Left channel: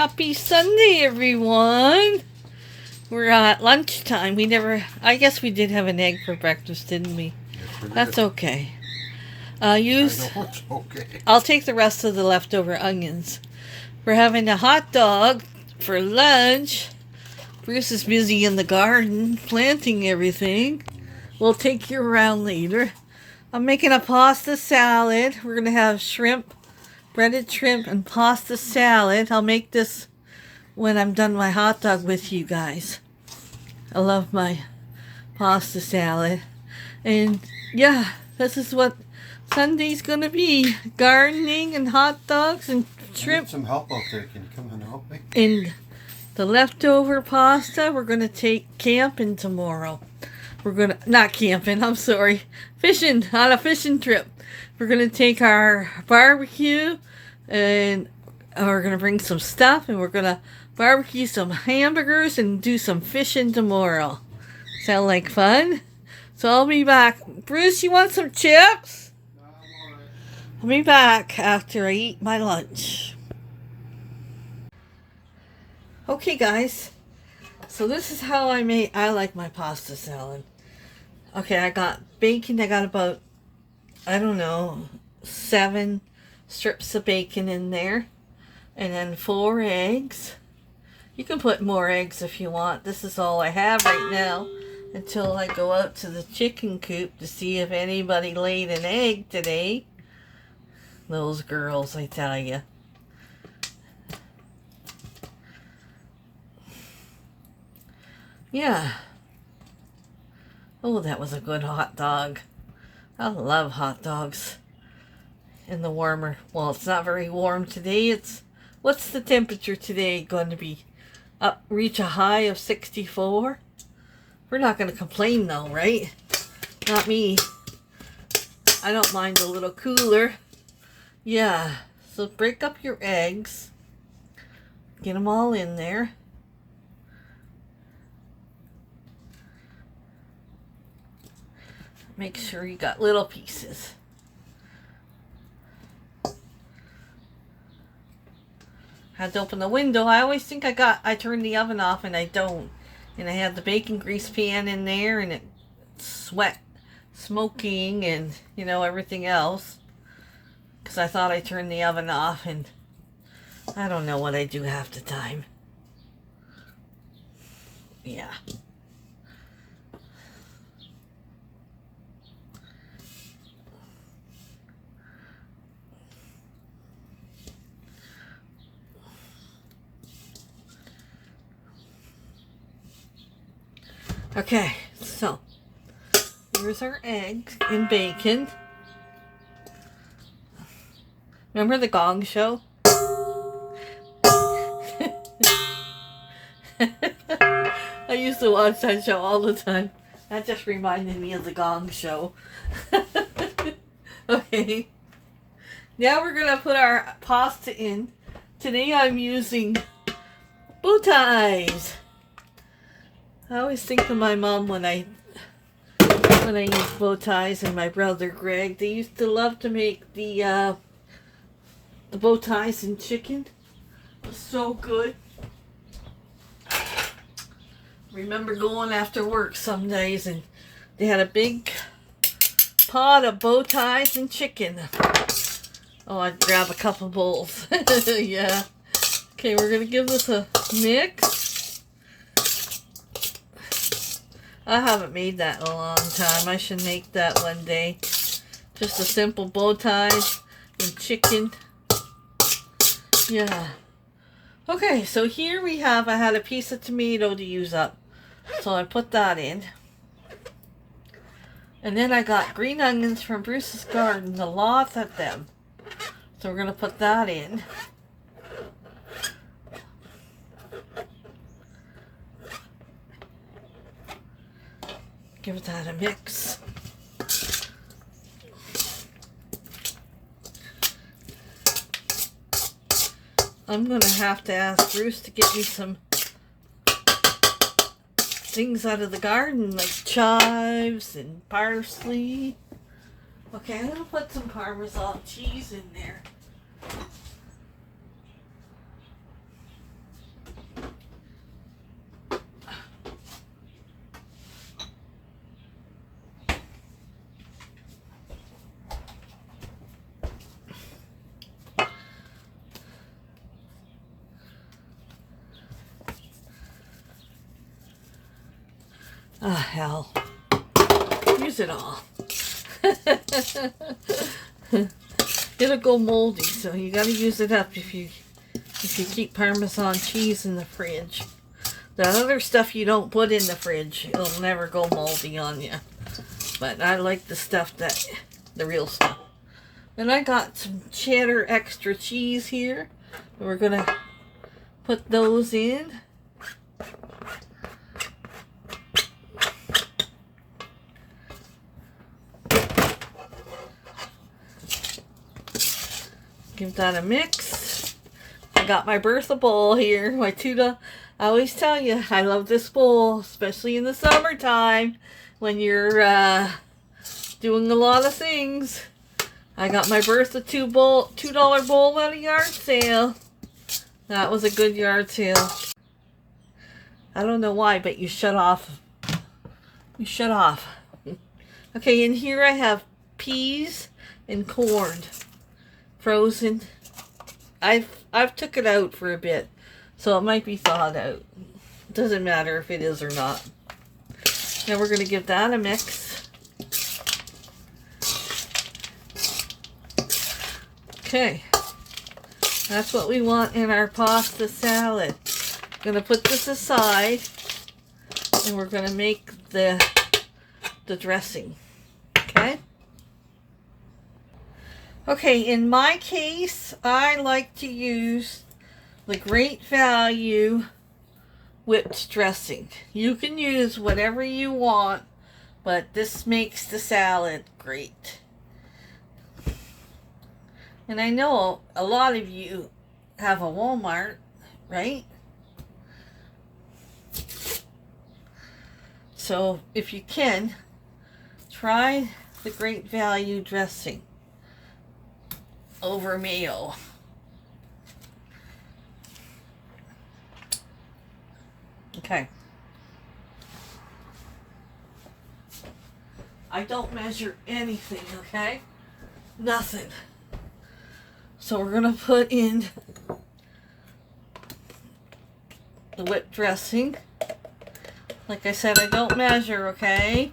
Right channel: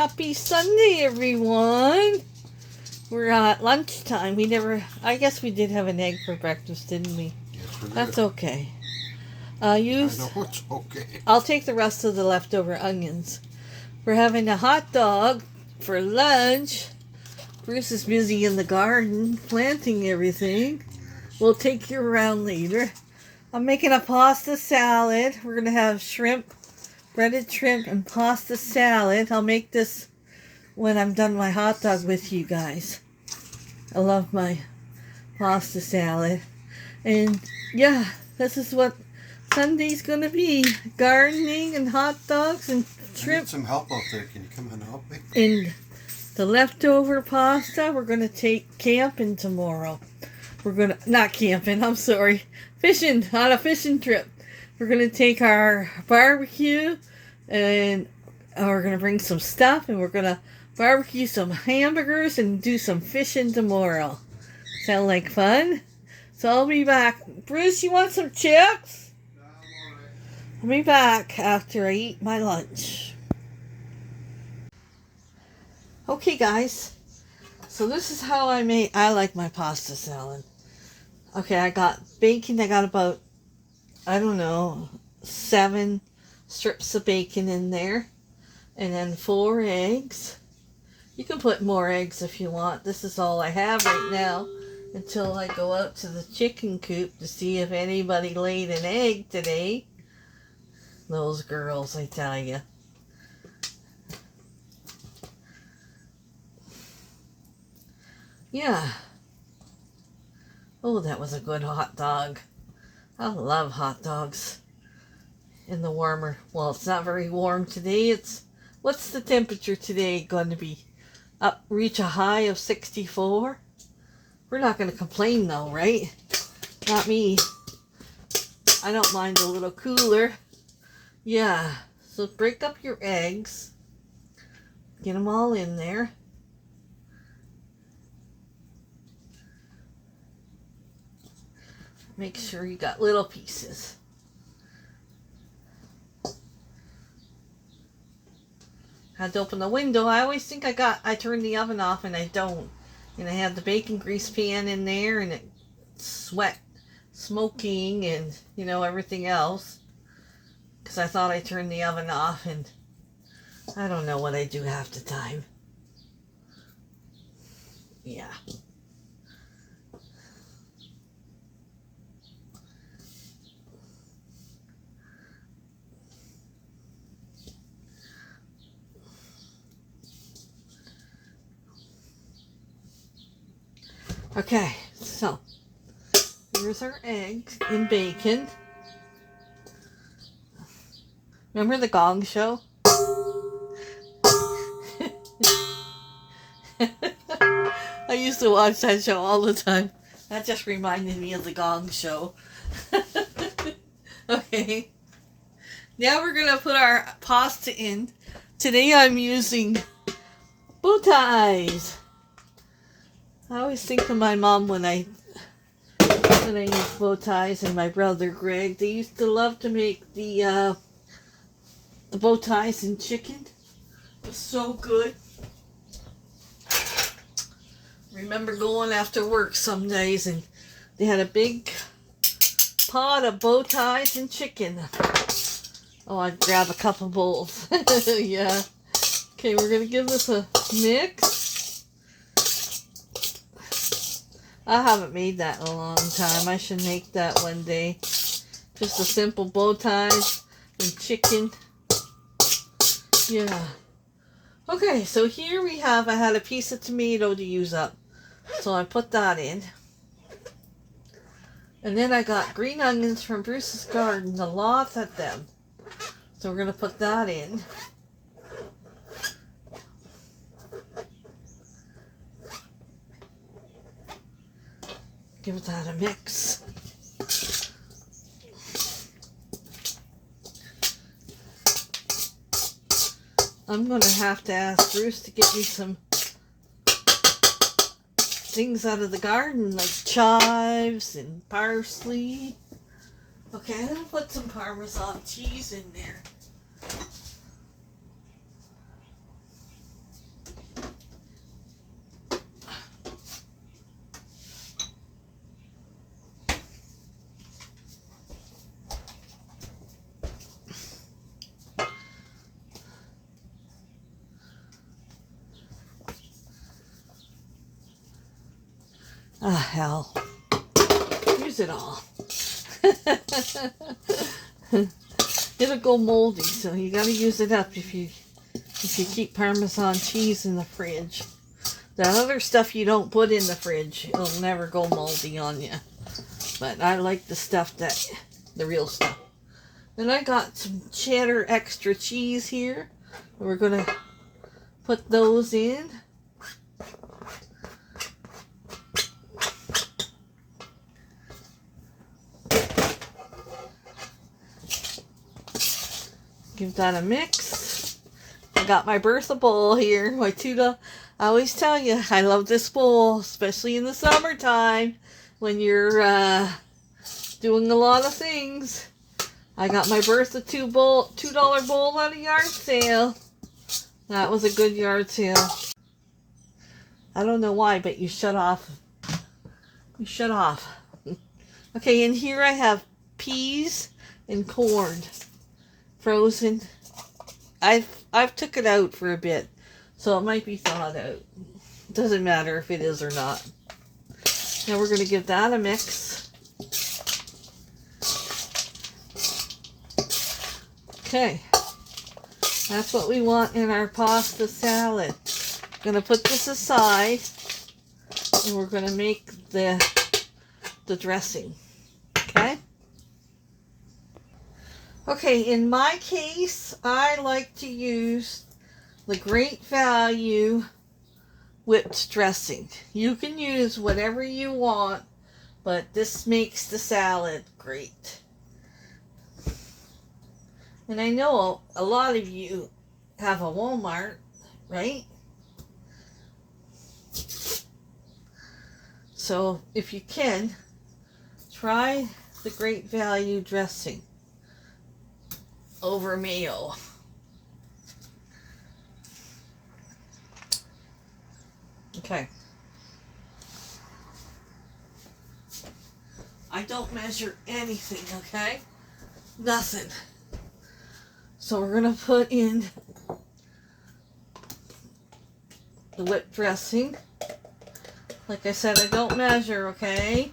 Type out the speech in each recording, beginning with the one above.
Happy Sunday, everyone. We're at lunchtime. I guess we did have an egg for breakfast, didn't we? Yes, we did. That's okay. I know it's okay. I'll take the rest of the leftover onions. We're having a hot dog for lunch. Bruce is busy in the garden planting everything. We'll take you around later. I'm making a pasta salad. We're going to have shrimp, breaded shrimp, and pasta salad. I'll make this when I'm done my hot dog with you guys. I love my pasta salad. And yeah, this is what Sunday's going to be. Gardening and hot dogs and shrimp. I need some help out there. Can you come and help me? And the leftover pasta, we're going to take camping tomorrow. Not camping, I'm sorry. Fishing, on a fishing trip. We're going to take our barbecue and we're going to bring some stuff and we're going to barbecue some hamburgers and do some fishing tomorrow. Sound like fun? So I'll be back. Bruce, you want some chips? No, I'm alright. I'll be back after I eat my lunch. Okay, guys. So this is how I like my pasta salad. Okay, I got bacon. I got about, 7 strips of bacon in there. And then 4 eggs. You can put more eggs if you want. This is all I have right now until I go out to the chicken coop to see if anybody laid an egg today. Those girls, I tell you. Yeah. Oh, that was a good hot dog. I love hot dogs. In the warmer. Well, it's not very warm today. What's the temperature today going to be? Reach a high of 64? We're not going to complain though, right? Not me. I don't mind a little cooler. Yeah. So break up your eggs. Get them all in there. Make sure you got little pieces. Had to open the window. I always think I turned the oven off and I don't. And I had the bacon grease pan in there and it's smoking and, everything else. Because I thought I turned the oven off and I don't know what I do half the time. Yeah. Okay, so here's our eggs and bacon. Remember the Gong Show? I used to watch that show all the time. That just reminded me of the Gong Show. Okay. Now we're going to put our pasta in. Today I'm using bow ties. I always think of my mom when I use bow ties, and my brother Greg. They used to love to make the bow ties and chicken. It was so good. Remember going after work some days, and they had a big pot of bow ties and chicken. Oh, I'd grab a couple bowls. Yeah. Okay, we're gonna give this a mix. I haven't made that in a long time. I should make that one day. Just a simple bow tie and chicken. Yeah. Okay, so here I had a piece of tomato to use up. So I put that in. And then I got green onions from Bruce's garden. A lot of them. So we're going to put that in. Give that a mix. I'm going to have to ask Bruce to get me some things out of the garden, like chives and parsley. Okay, I'm going to put some Parmesan cheese in there. Ah, hell. Use it all. It'll go moldy, so you gotta use it up if you keep Parmesan cheese in the fridge. That other stuff you don't put in the fridge, it'll never go moldy on you. But I like the stuff the real stuff. And I got some cheddar extra cheese here. We're gonna put those in. Give that a mix. I got my Bertha bowl here. My $2. I always tell you, I love this bowl, especially in the summertime when you're doing a lot of things. I got my Bertha $2 bowl at a yard sale. That was a good yard sale. I don't know why, but you shut off. You shut off. Okay, and here I have peas and corn. Frozen. I've took it out for a bit, so it might be thawed out. Doesn't matter if it is or not. Now we're going to give that a mix. Okay, that's what we want in our pasta salad. I'm going to put this aside, and we're going to make the dressing. Okay? Okay, in my case, I like to use the Great Value whipped dressing. You can use whatever you want, but this makes the salad great. And I know a lot of you have a Walmart, right? So if you can, try the Great Value dressing over mayo. Okay. I don't measure anything, okay? Nothing. So we're going to put in the whipped dressing. Like I said, I don't measure, okay?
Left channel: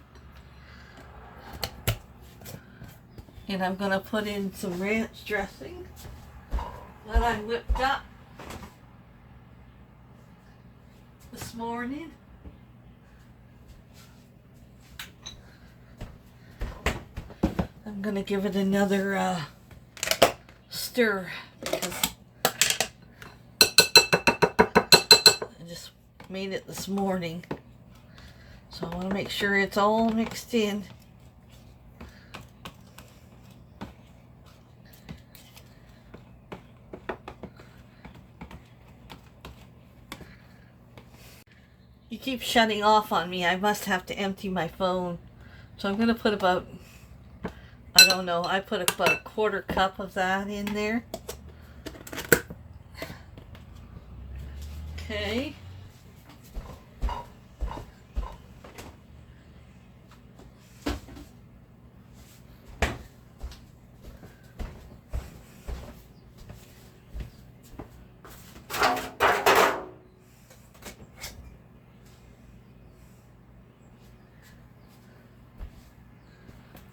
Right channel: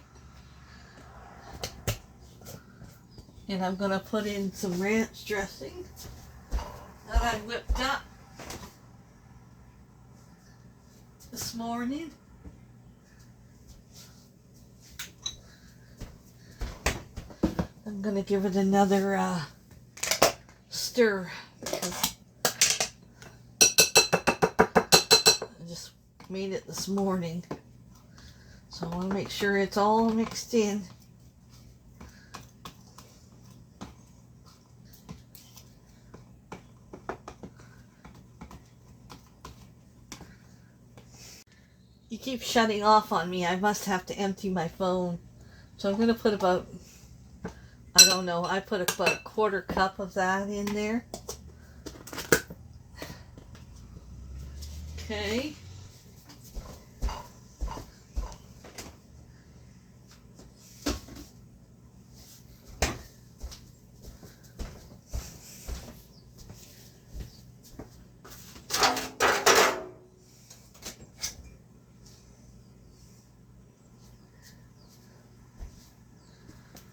And I'm going to put in some ranch dressing that I whipped up this morning. I'm going to give it another stir because I just made it this morning. So I want to make sure it's all mixed in. You keep shutting off on me. I must have to empty my phone. So I'm going to put about, I don't know, I put about a quarter cup of that in there. Okay.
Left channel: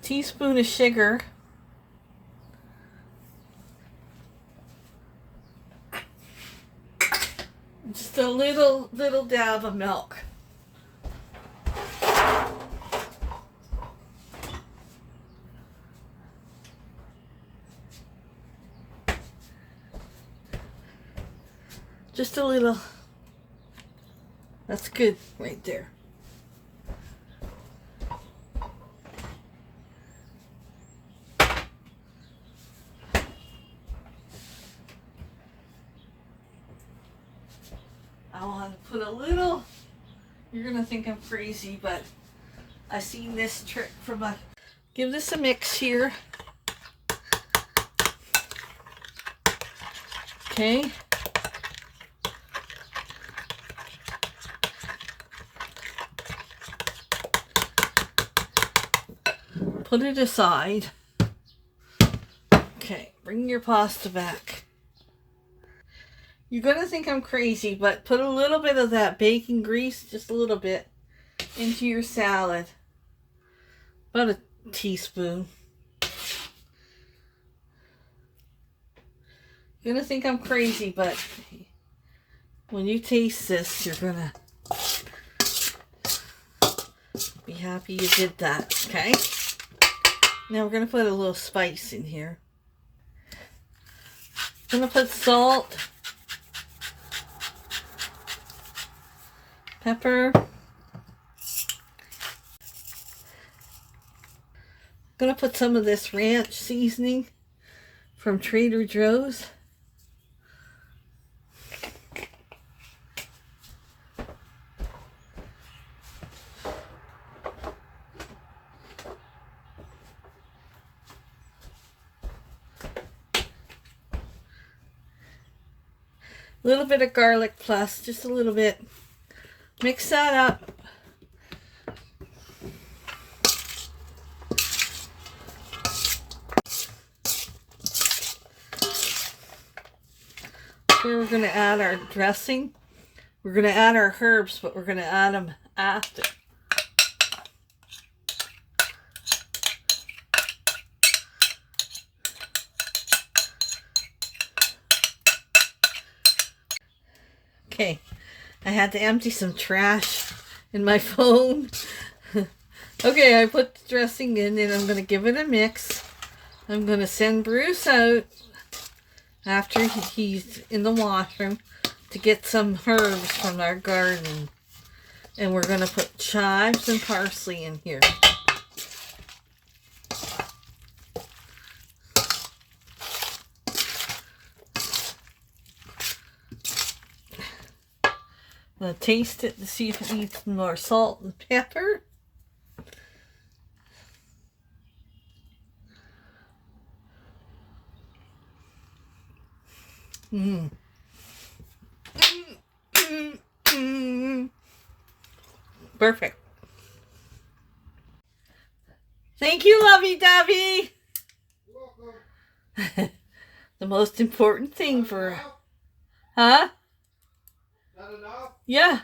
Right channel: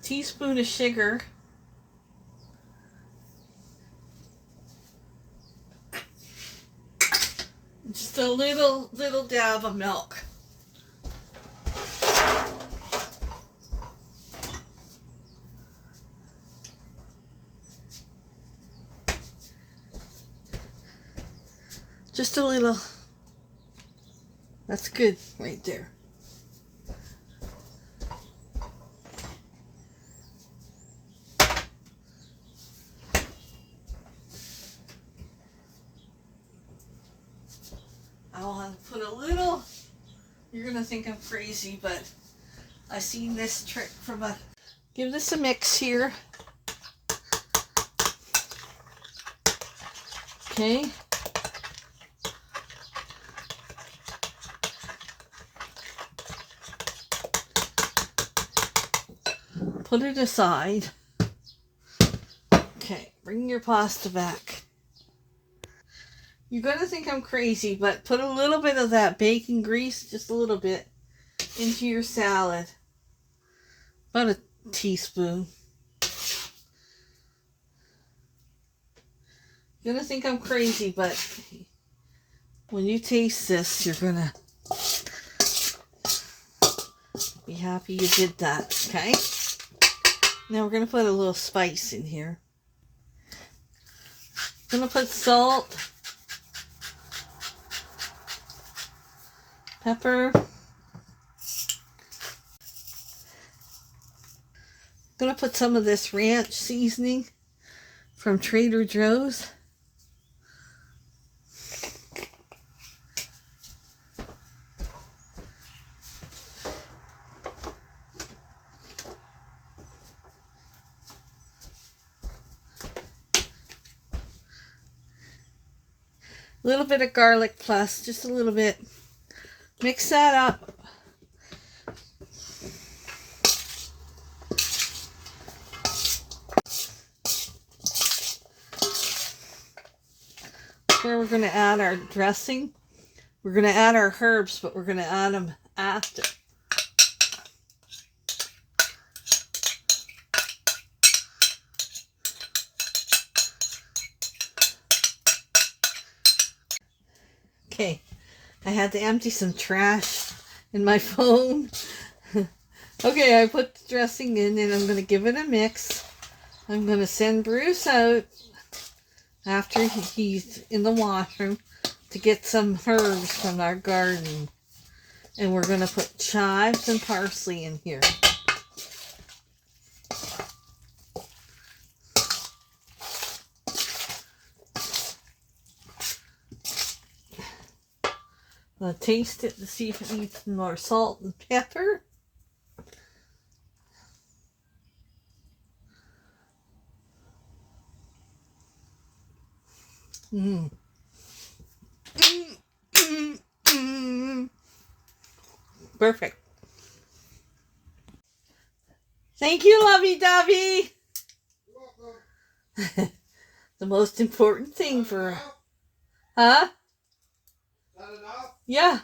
Teaspoon of sugar. Just a little dab of milk. Just a little. That's good right there. I want to put a little, you're going to think I'm crazy, but I seen this trick from give this a mix here. Okay. Put it aside. Okay, bring your pasta back. You're going to think I'm crazy, but put a little bit of that bacon grease, just a little bit, into your salad. About a teaspoon. You're gonna think I'm crazy, but when you taste this, you're gonna be happy you did that, okay? Now we're gonna put a little spice in here. I'm gonna put salt, pepper. I'm gonna put some of this ranch seasoning from Trader Joe's. A little bit of garlic plus, just a little bit. Mix that up. Where we're going to add our dressing. We're going to add our herbs, but we're going to add them after. Okay, I had to empty some trash in my phone. Okay, I put the dressing in and I'm going to give it a mix. I'm going to send Bruce out after he's in the washroom to get some herbs from our garden. And we're going to put chives and parsley in here. I'm going to taste it to see if it needs some more salt and pepper. Perfect. Thank you, lovey-dovey. The most important thing for... Huh? Not enough? Yeah.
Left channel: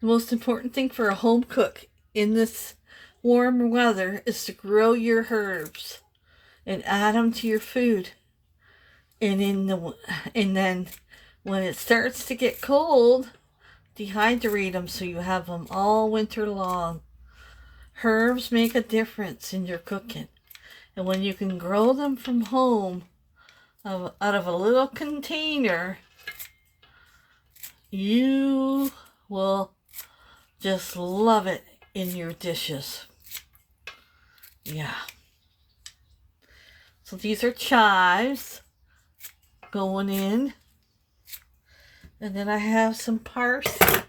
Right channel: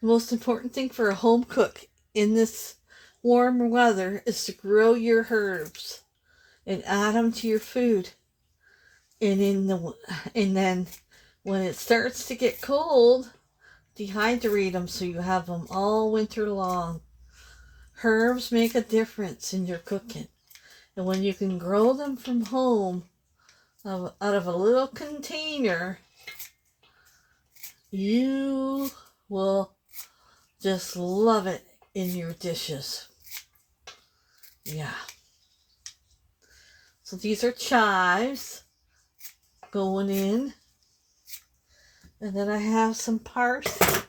The most important thing for a home cook in this warm weather is to grow your herbs and add them to your food. And then when it starts to get cold, dehydrate them so you have them all winter long. Herbs make a difference in your cooking. And when you can grow them from home out of a little container, you will just love it in your dishes. Yeah. So these are chives going in. And then I have some parsley.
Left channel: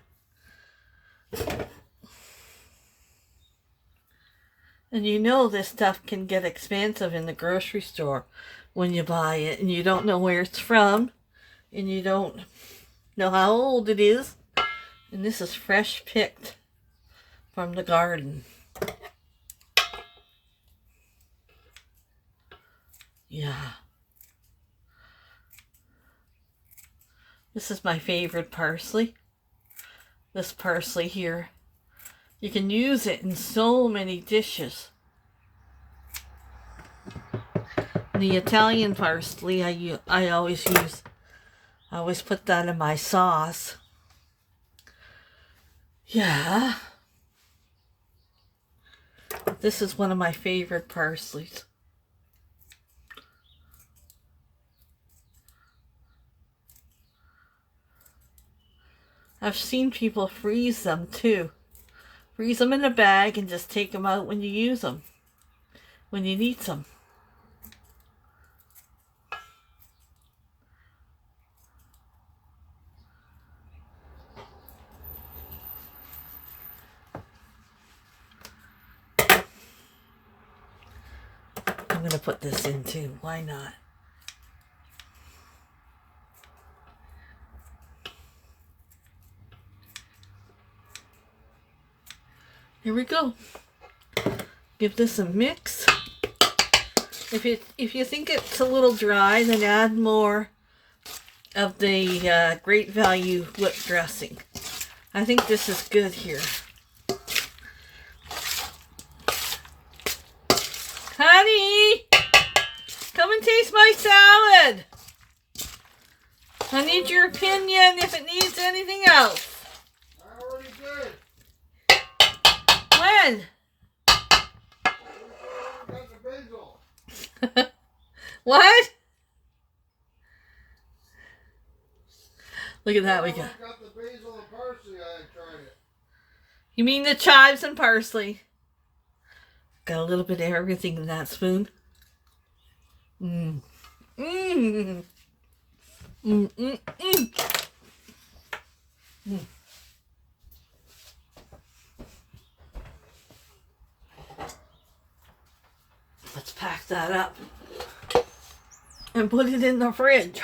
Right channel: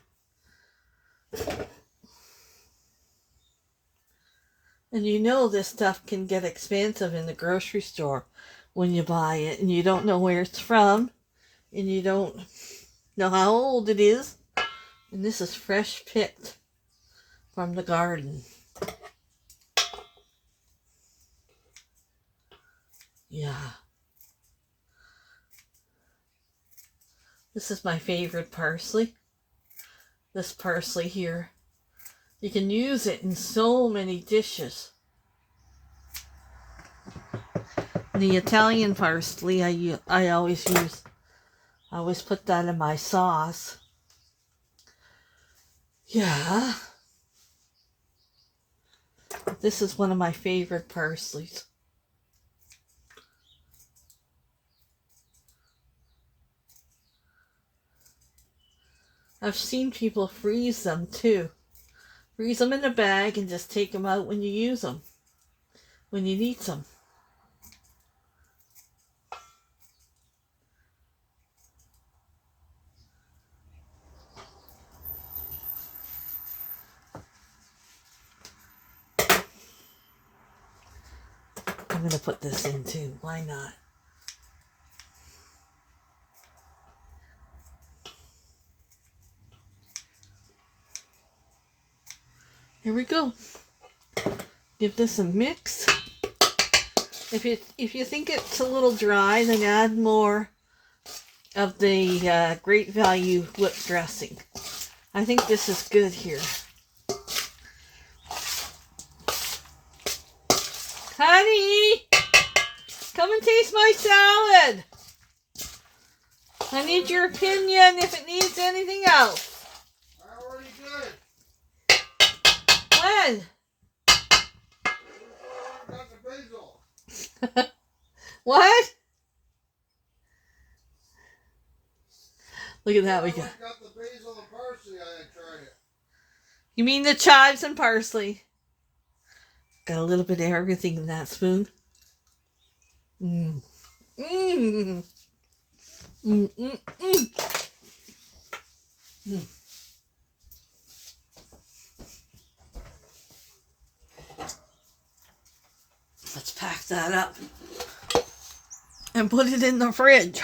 And you know this stuff can get expensive in the grocery store when you buy it and you don't know where it's from and you don't know how old it is. And this is fresh picked from the garden. Yeah. This is my favorite parsley. This parsley here. You can use it in so many dishes. The Italian parsley I always use. I always put that in my sauce. Yeah. This is one of my favorite parsleys. I've seen people freeze them too. Freeze them in a bag and just take them out when you use them. When you need some. I'm going to put this in too. Why not? Here we go. Give this a mix. If you think it's a little dry, then add more of the Great Value whipped dressing. I think this is good here. Honey, come and taste my salad. I need your opinion if it needs anything else. I already did. When? I got the basil. What? Look at that. We I got. got the basil and parsley. I tried it. You mean the chives and parsley? Got a little bit of everything in that spoon. Mmm. Mmm. Mmm. Mmm. Mmm. Mm. Let's pack that up and put it in the fridge.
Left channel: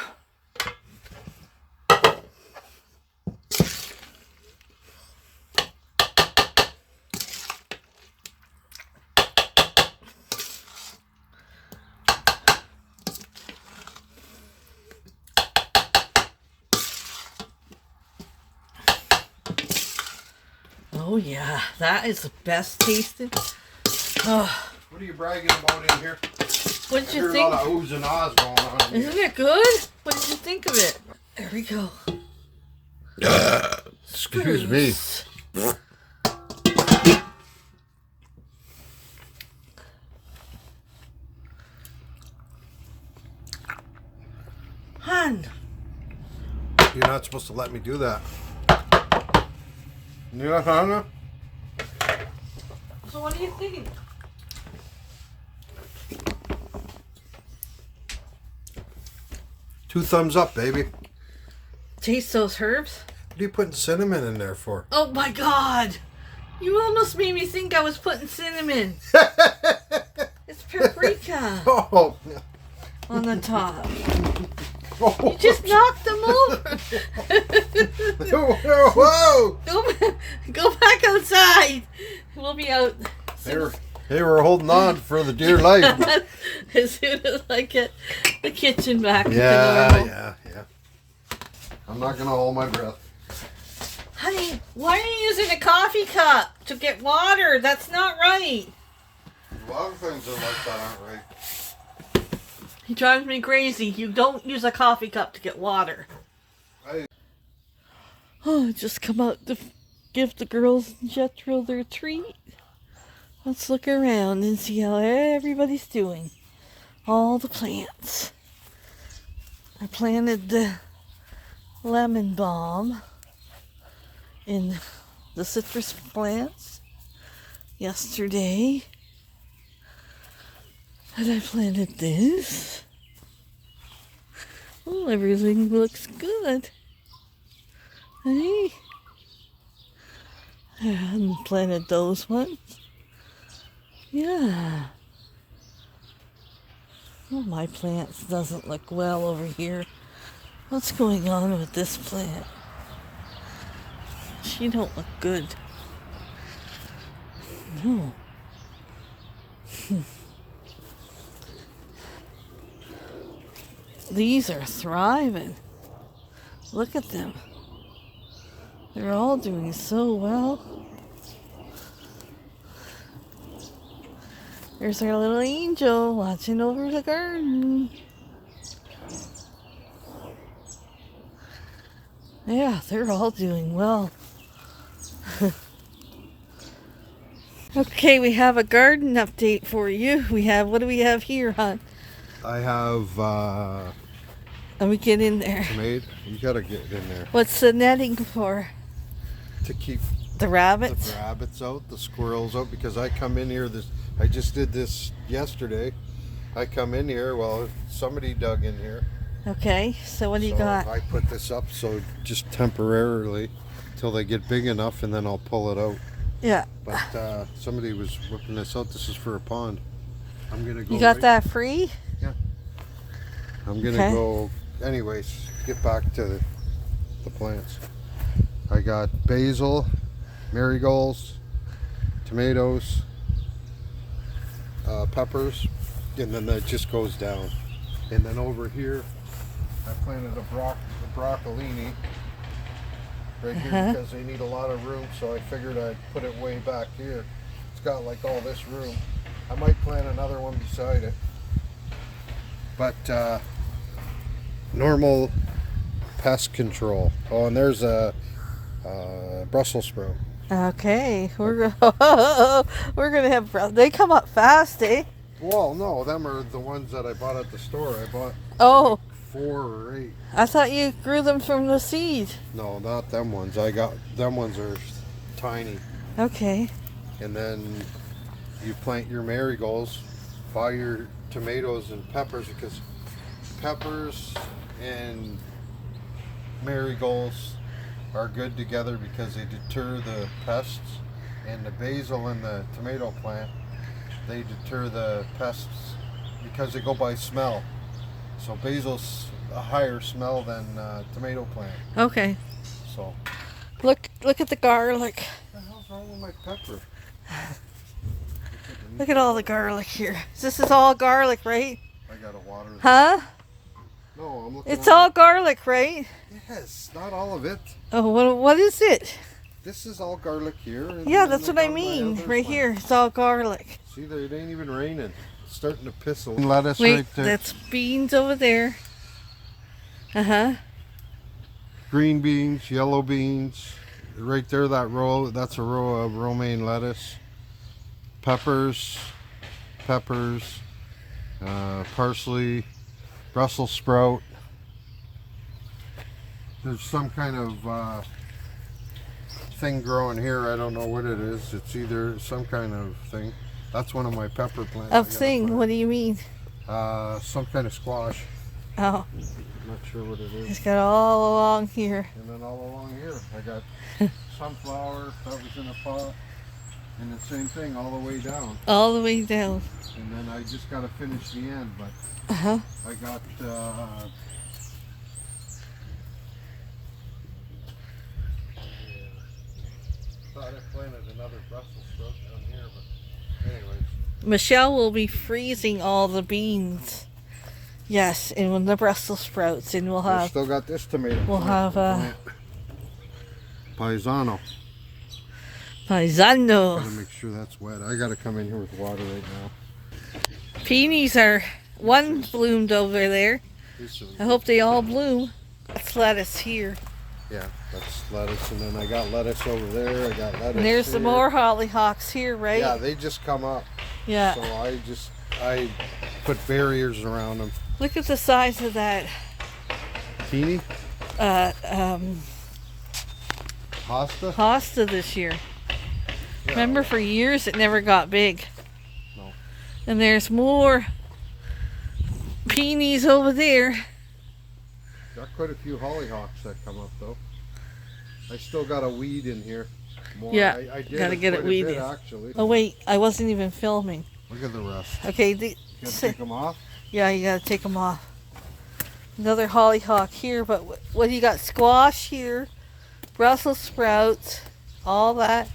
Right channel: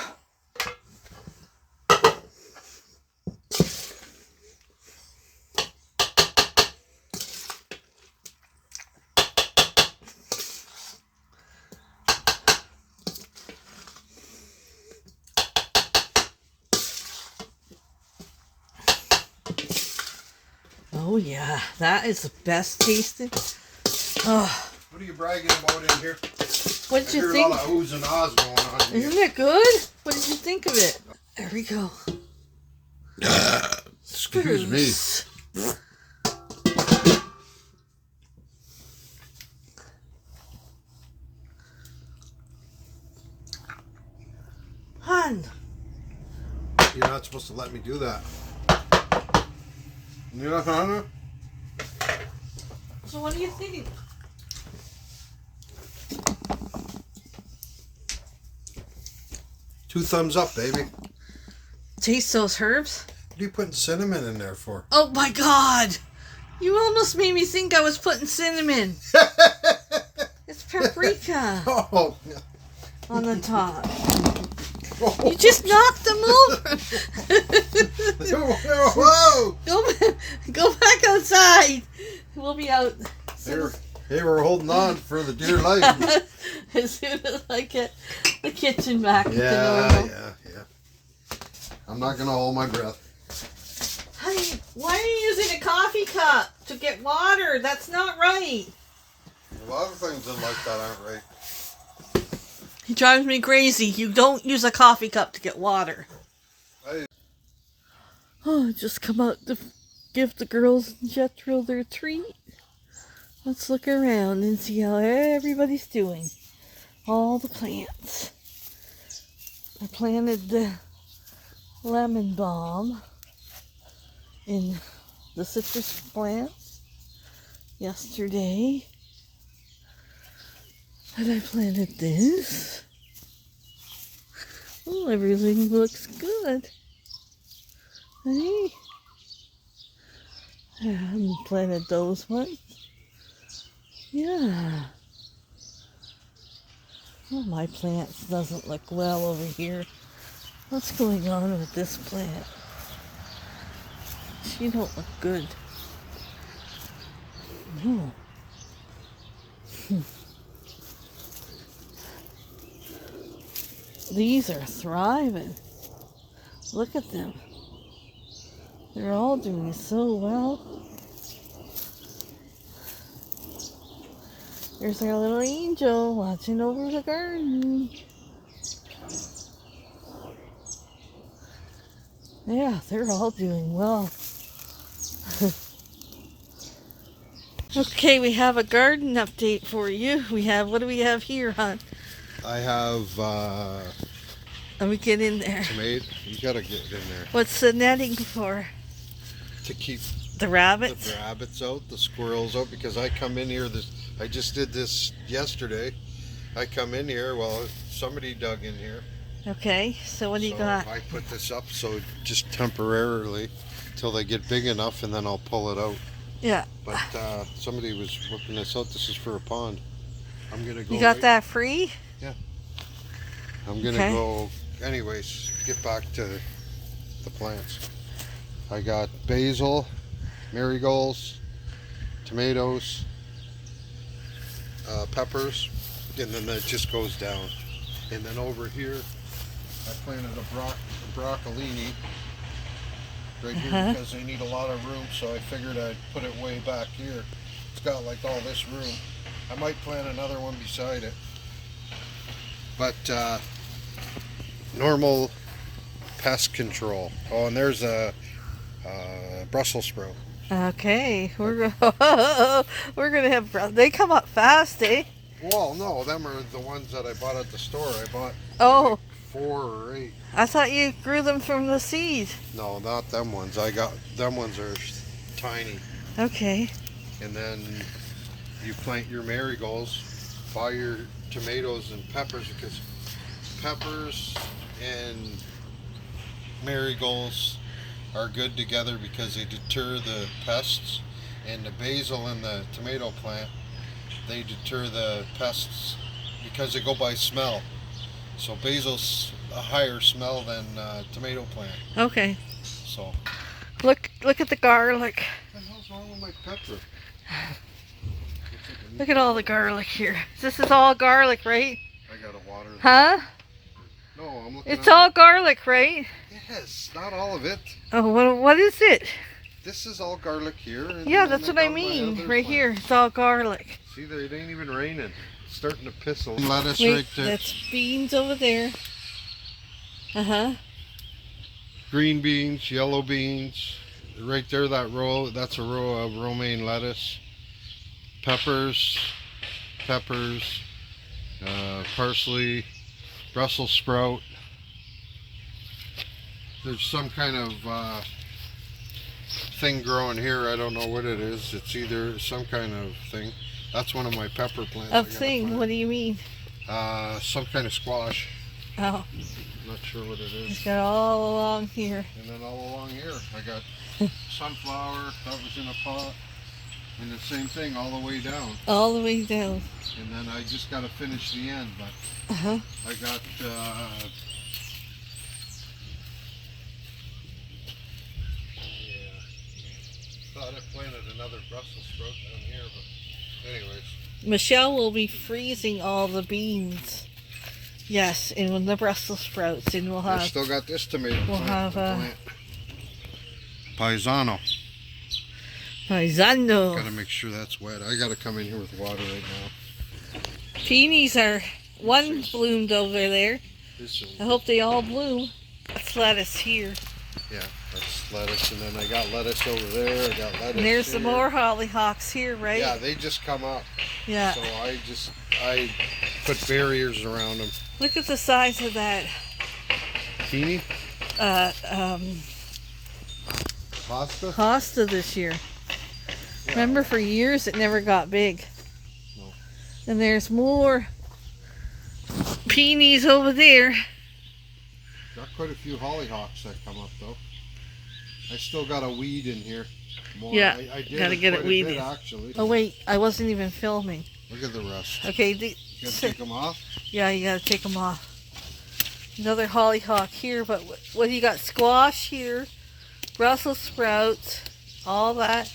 Oh yeah, that is the best tasting. Oh. What are you bragging about in here? What did you There's think? a lot of oohs and ahs going on in Isn't here. it good? What did you think of it? There we go. Excuse me. Hun. You're not supposed to let me do that. Yeah, Hannah? So what do you think? 2 thumbs up, baby. What Taste those herbs? are you putting cinnamon in there for? Oh my God! You almost made me think I was putting cinnamon. It's paprika Oh. on the top. You just knocked them over. Whoa! Go back outside. We'll be out. They were holding on for the dear life. As soon as I get the kitchen back to Yeah. normal. I'm not gonna hold my breath. Honey, why are you using a coffee cup to get water? That's not right. A lot of things in like that aren't right. He drives me crazy. You don't use a coffee cup to get water. Oh, just come out to give the girls in Jethro their treat. Let's look around and see how everybody's doing. All the plants. I planted the lemon balm in the citrus plants yesterday. And I planted this. Oh, everything looks good. Hey. I hadn't planted those ones. Yeah. Oh, my plants doesn't look well over here. What's going on with this plant? She don't look good. No. These are thriving. Look at them. They're all doing so well. There's our little angel watching over the garden. Yeah, they're all doing well. Okay, we have a garden update for you. What do we have here, hon? I have Let me get in there. tomato. You gotta get in there What's the netting for? to keep The rabbits? the rabbits out, the squirrels out, because I come in here I just did this yesterday. I come in here, well, somebody dug in here. Okay, so what do you So got? I put this up so just temporarily till they get big enough, and then I'll pull it out. Yeah. But somebody was working this out. This is for a pond. I'm gonna go. You got that free? I'm gonna go. Anyways, get back to the plants. I got basil, marigolds, tomatoes, peppers, and then that just goes down. And then over here, I planted a broccolini right here because they need a lot of room. So I figured I'd put it way back here. It's got like all this room. I might plant another one beside it. But normal pest control. Oh, and there's a Brussels sprout. Okay, we're gonna have. They come up fast, eh? Well, no, them are the ones that I bought at the store. I bought Oh, like 4 or 8. I thought you grew them from the seed. No, not them ones. I got them ones are tiny. Okay. And then you plant your marigolds, buy your tomatoes and peppers, because peppers and marigolds are good together because they deter the pests, and the basil and the tomato plant, they deter the pests because they go by smell. So basil's a higher smell than tomato plant. Okay. So Look at the garlic. what the hell's wrong with my pepper? Look at all the garlic here. This is all garlic, right? I gotta water this. Huh? No, I'm looking It's at all garlic, right? Yes, not all of it. Oh, what is it? This is all garlic here. And Yeah, then that's what I got my mean. other Right stuff. here, it's all garlic. See, there, it ain't even raining. It's starting to pizzle. Lettuce Wait, right there. that's beans over there. Uh-huh. Green beans, yellow beans. Right there, that row, that's a row of romaine lettuce. Peppers, parsley, Brussels sprout. There's some kind of thing growing here. I don't know what it is. It's either some kind of thing. That's one of my pepper plants. Of thing, what do you mean? Some kind of squash. Oh, Not sure what it it's is. got all along here. And then all along here, I got sunflower that was in a pot. And the same thing all the way down. All the way down. And then I just got to finish the end. But Uh-huh. I got thought I planted another Brussels sprout down here, but anyways. Michelle will be freezing all the beans. Yes, and with the Brussels sprouts, and we'll I have still got this tomato we'll plant. have Paisano. paisano. Gotta make sure that's wet. I gotta come in here with water right now. Peonies are one bloomed over there. This is, I hope they all bloom. That's lettuce here. yeah, that's lettuce, and then I got lettuce over there. I got lettuce. And there's some here. more hollyhocks here, right? Yeah, they just come up. Yeah. So I put barriers around them. Look at the size of that. Peony? Hosta Hosta? this year. Yeah. Remember, for years it never got big. No. And there's more peonies over there. Got quite a few hollyhocks that come up though. I still got a weed in here. More. Yeah, I did gotta get it quite a weeded. bit, actually. Oh wait, I wasn't even filming. Look at the rest. Okay, You gotta take them off. yeah, you gotta take them off. Another hollyhock here, but what do you got? Squash here, Brussels sprouts, all that.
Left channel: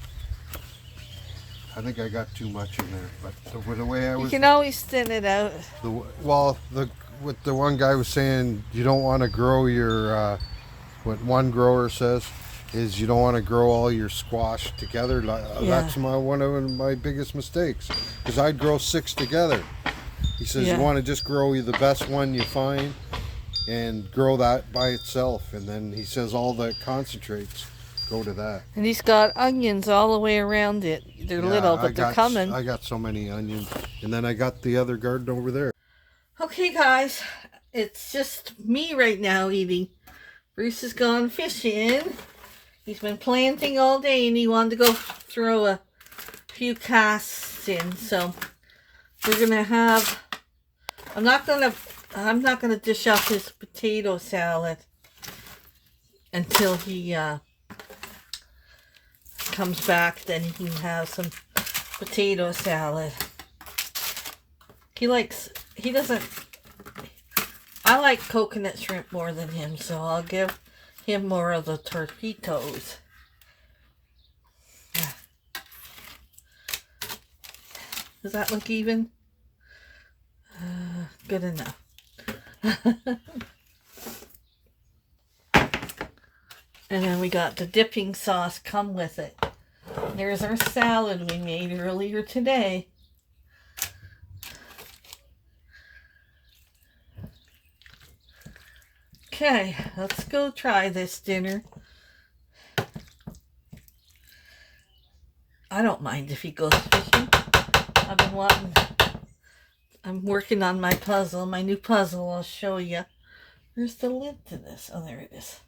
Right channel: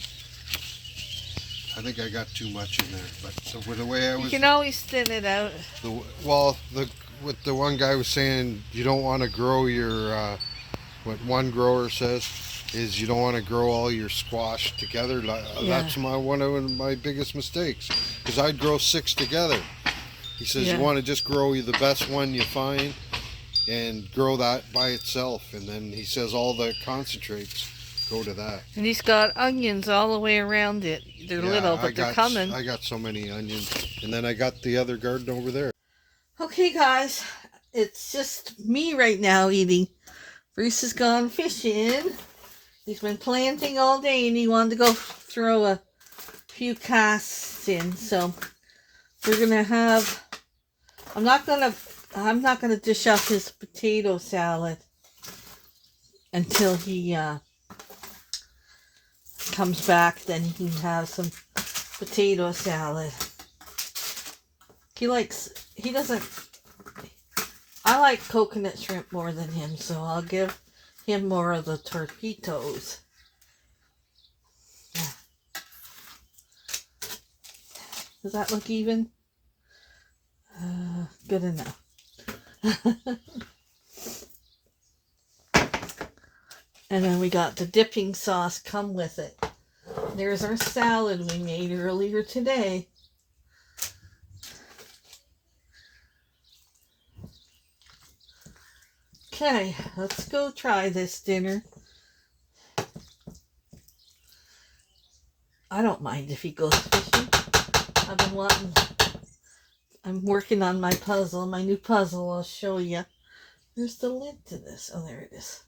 I think I got too much in there, but so with the way I You was, can always thin it out. what the one guy was saying, you don't want to grow your, what one grower says is you don't want to grow all your squash together. Yeah. That's one of my biggest mistakes, because I'd grow 6 together. He says Yeah. you want to just grow the best one you find and grow that by itself, and then he says all the concentrates go to that. And he's got onions all the way around it. They're Yeah, little, but they're coming. I got so many onions, and then I got the other garden over there. Okay, guys, it's just me right now eating. Bruce has gone fishing. He's been planting all day, and he wanted to go throw a few casts in. So we're gonna have. I'm not gonna dish up his potato salad until he comes back. Then he can have some potato salad. He doesn't. I like coconut shrimp more than him, so I'll give him more of the torpedos. Yeah. Does that look even? Good enough. And then we got the dipping sauce come with it. There's our salad we made earlier today. Okay, let's go try this dinner. I don't mind if he goes fishing. I'm working on my puzzle, my new puzzle. I'll show you. Where's the lid to this? Oh, there it is.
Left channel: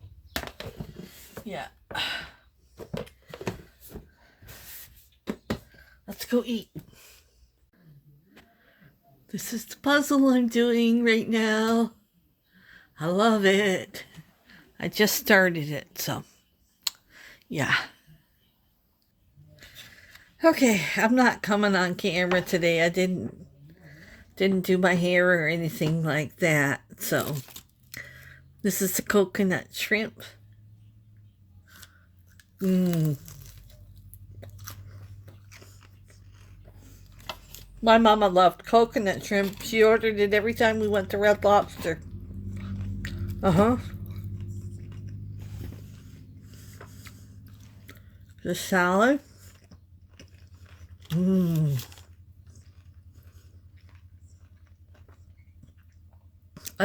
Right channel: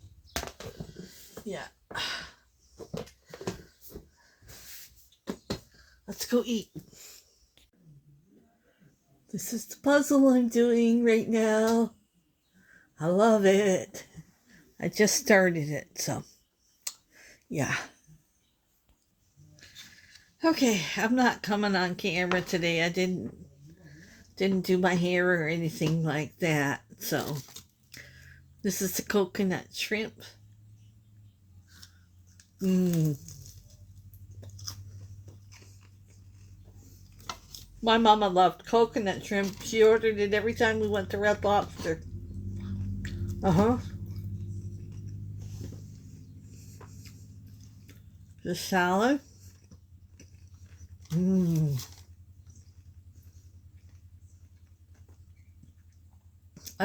Yeah. Let's go eat. This is the puzzle I'm doing right now. I love it. I just started it, so yeah. Okay, I'm not coming on camera today. I didn't do my hair or anything like that. So this is the coconut shrimp. My mama loved coconut shrimp. She ordered it every time we went to Red Lobster. The salad. I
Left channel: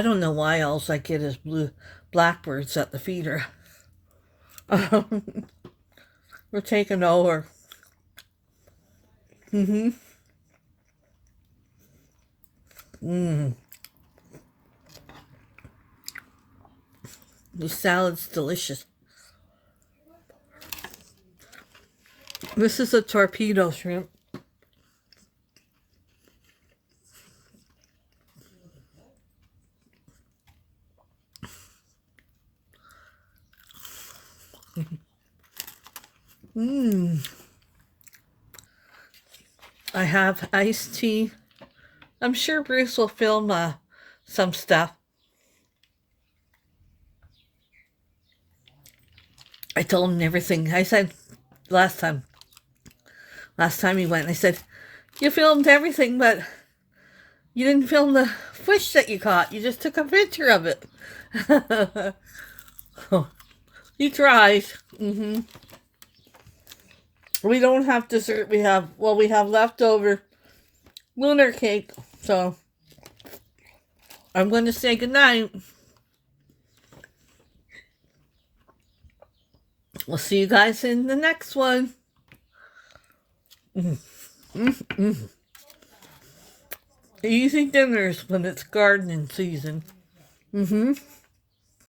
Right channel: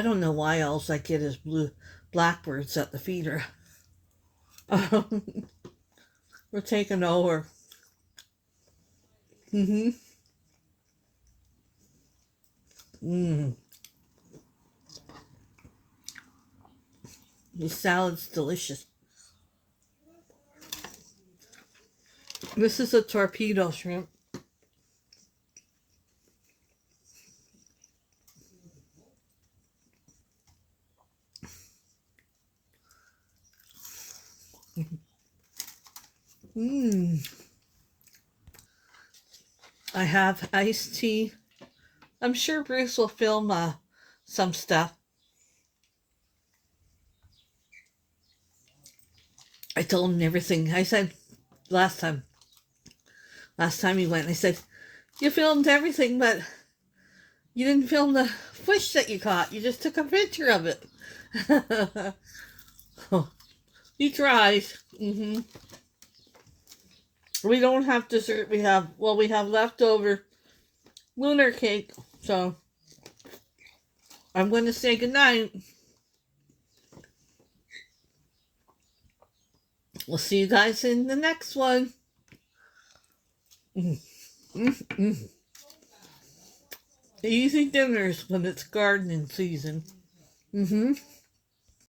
don't know why all I get is blue blackbirds at the feeder. We're taking over. The salad's delicious. This is a torpedo shrimp. I have iced tea. I'm sure Bruce will film some stuff. I told him everything. I said last time he went, I said, you filmed everything, but you didn't film the fish that you caught. You just took a picture of it. You tried. We don't have dessert. We have leftover lunar cake. So I'm going to say goodnight. We'll see you guys in the next one. Easy dinners when it's gardening season.